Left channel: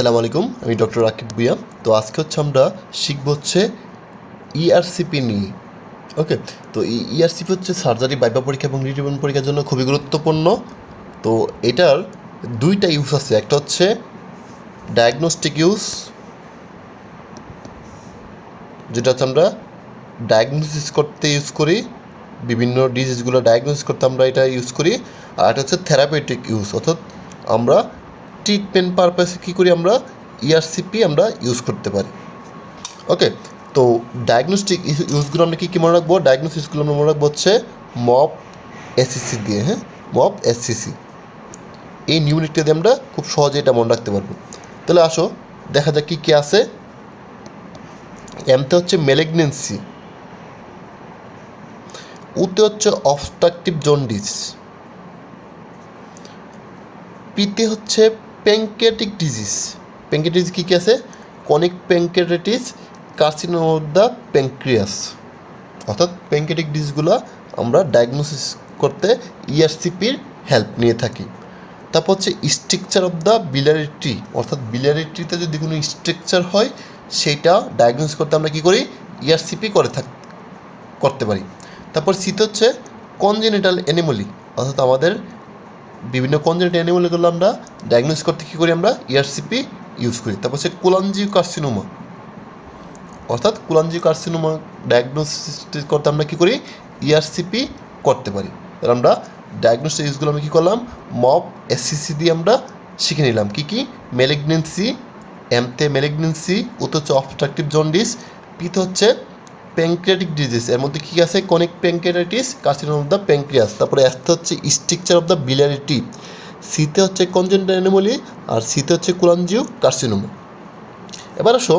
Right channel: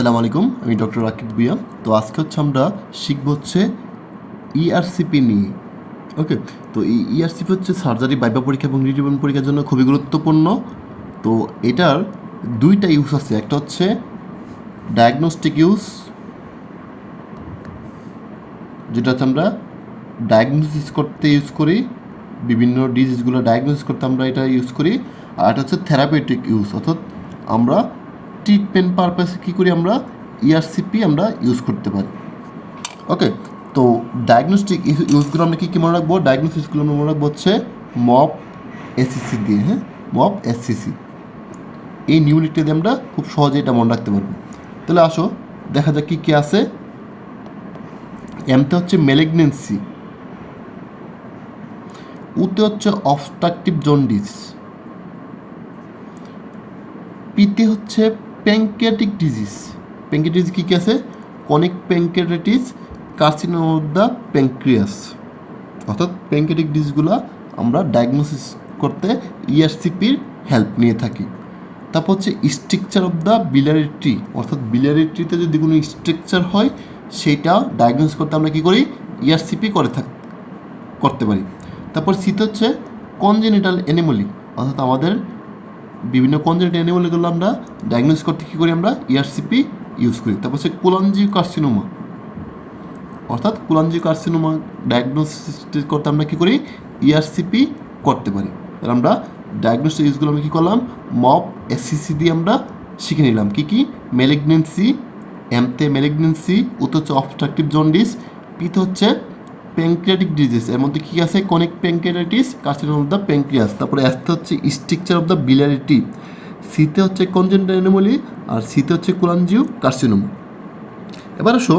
আসসালামু আলাইকুম, আমি ডক্টর রাকিব ভুঁইয়া। তো আজকে আমরা শিখব ইআরসিপি নিয়ে। ওকে, তো এই ইআরসিপি সার্জারি, ভাইভা পরীক্ষা এবং রিটেন পরীক্ষার জন্য খুবই গুরুত্বপূর্ণ। তো এটার দুইটা ইউজ আছে, একটা হচ্ছে ডায়াগনস্টিক ইউজ, যেটা আমরা ডায়াগনোসিস করতে ইউজ করি, বিভিন্ন ডিজিজগুলো ডায়াগনোসিস করতে আমরা এটা ইউজ করি। আর একটা হচ্ছে থেরাপিউটিক ইউজ, অর্থাৎ আমরা ট্রিটমেন্ট পারপাসে কী করি, আমরা ইআরসিপি আমরা ইউজ করতে পারি। ওকে, তো ডায়াগনস্টিক ইউজগুলো আমরা কী মনে রাখবো? ডায়াগনোসিসগুলো আমরা মনে রাখবো হচ্ছে মপ এসসিসি দিয়ে। মপ এসসিসি, এই নিউনিটটা দিয়ে আমরা খুব সহজে এটা মনে রাখতে পারবো। তাহলে আসো দেখা যাক কী কী আছে। এমতে হচ্ছে ম্যালিগনেন্সি, উতে হচ্ছে অবস্ট্রাকটিভ জন্ডিস, পিতে হচ্ছে প্যানক্রিয়াটিক ডিজিজ। প্যানক্রিয়াটিস কী কী আছে? Conic pancreatitis, carcinoma of the pancreas. অর্থাৎ প্যানক্রিয়াটিক ডিজিজগুলো আমরা ডায়াগনোসিস করতে ইআরসিপির হেল্প নিয়ে থাকি। তারপর হচ্ছে structure of the biliary tree, অর্থাৎ biliary ট্রিতে যদি কোনো স্ট্রাকচার হয় সেইটা ডায়াগনোস করতে আমরা কী করি? ইআরসিপি করতে পারি। তারপর সিতে হচ্ছে কনজেনিটাল অ্যানোমালি, অর্থাৎ আমাদের বিভিন্ন কনজেনিটাল অ্যানোমালিগুলো আমরা ডায়াগনোস করতে কী করি? আমরা ইআরসিপি ইউজ করি। তারপর হচ্ছে কোলাঞ্জিওকার্সিনোমা, অর্থাৎ কোলাঞ্জিওকার্সিনোমা ডায়াগনোসিস করতে আমরা কী করি? ইআরসিপি করতে পারি। তাহলে আমরা ডায়াগনোসিস ইউজগুলো আমরা কী করলাম? মপ এসসিসি দিয়ে আমরা শিখে নিলাম। কী কী? ম্যালিগনেন্সি, এমতে ম্যালিগনেন্সি, উতে হচ্ছে অবস্ট্রাকটিভ জন্ডিস, পিতে হচ্ছে প্যানক্রিয়াটিক ডিজিজ, এর মধ্যে কী আছে? Conic pancreatitis, carcinoma of the pancreas. তারপরে এসতে হচ্ছে structure of the biliary tree, সিতে হচ্ছে কনজেনিটাল অ্যানোমালি, আর সিতে হচ্ছে কোলাঞ্জিওকার্সিনোমা। এবার আসো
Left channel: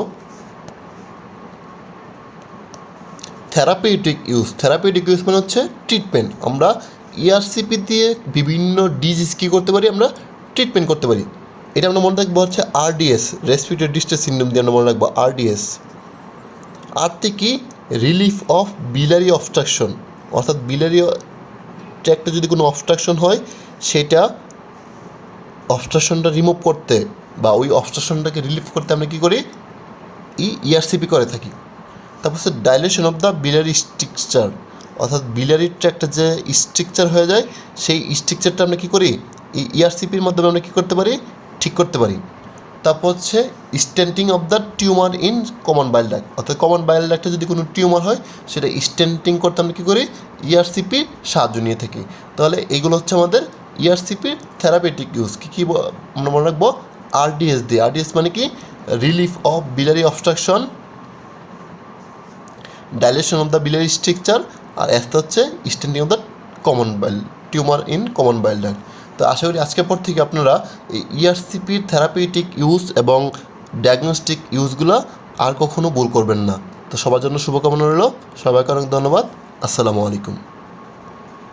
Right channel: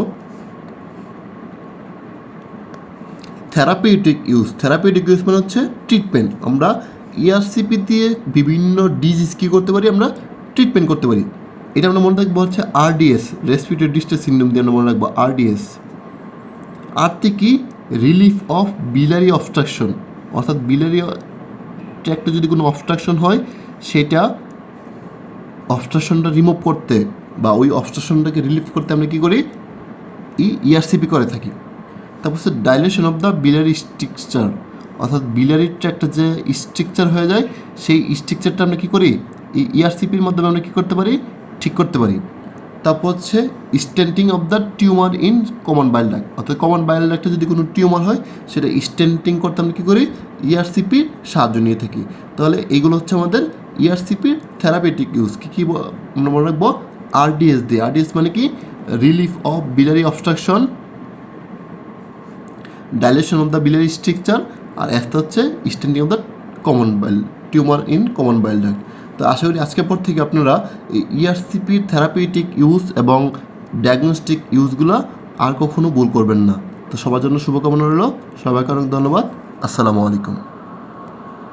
থেরাপিউটিক ইউজ। থেরাপিউটিক ইউজ মানে হচ্ছে ট্রিটমেন্ট। আমরা ইআরসিপি দিয়ে বিভিন্ন ডিজিজ কী করতে পারি? আমরা ট্রিটমেন্ট করতে পারি। এটা আমরা মনে রাখবো হচ্ছে আরডিএস, রেসপিরেটরি ডিস্ট্রেস সিনড্রোম দিয়ে আমরা মনে রাখবো আরডিএস। আরতে কি? রিলিফ অফ biliary অবস্ট্রাকশন, অর্থাৎ biliary ট্র্যাক্টে যদি কোনো অবস্ট্রাকশন হয় সেটা অবস্ট্রাকশনটা রিমুভ করতে বা ওই অবস্ট্রাকশনটাকে রিলিফ করতে আমরা কী করি? ইআরসিপি করে থাকি। তারপর হচ্ছে dilation of the biliary structure, অর্থাৎ biliary ট্র্যাক্টে যে স্ট্রাকচার হয়ে যায় সেই স্ট্রাকচারটা আমরা কী করি? এই ইআরসিপির মাধ্যমে আমরা কী করতে পারি? ঠিক করতে পারি। তারপর হচ্ছে stenting of the tumour in common bile duct, অর্থাৎ কমন বাইল ডাক্টে যদি কোনো টিউমার হয় সেটা স্টেন্টিং করতে আমরা কী করি? ইআরসিপির সাহায্য নিয়ে থাকি। তাহলে এইগুলো হচ্ছে আমাদের ইআরসিপির থেরাপিউটিক ইউজ। কী কী আমরা মনে রাখবো? আরডিএস দিয়ে। আরডিএস মানে কি? Relief of biliary obstruction, dilation of the biliary structure, আর একটা হচ্ছে stenting of the common bile tumour in common bile duct. তো আশা করি আজকের পর থেকে আপনারা এই ইআরসিপির থেরাপিউটিক ইউজ এবং ডায়াগনস্টিক ইউজগুলো আর কখনো ভুল করবেন না। তো সবার জন্য শুভকামনা রইল। সবাইকে অনেক ধন্যবাদ। আসসালামু আলাইকুম।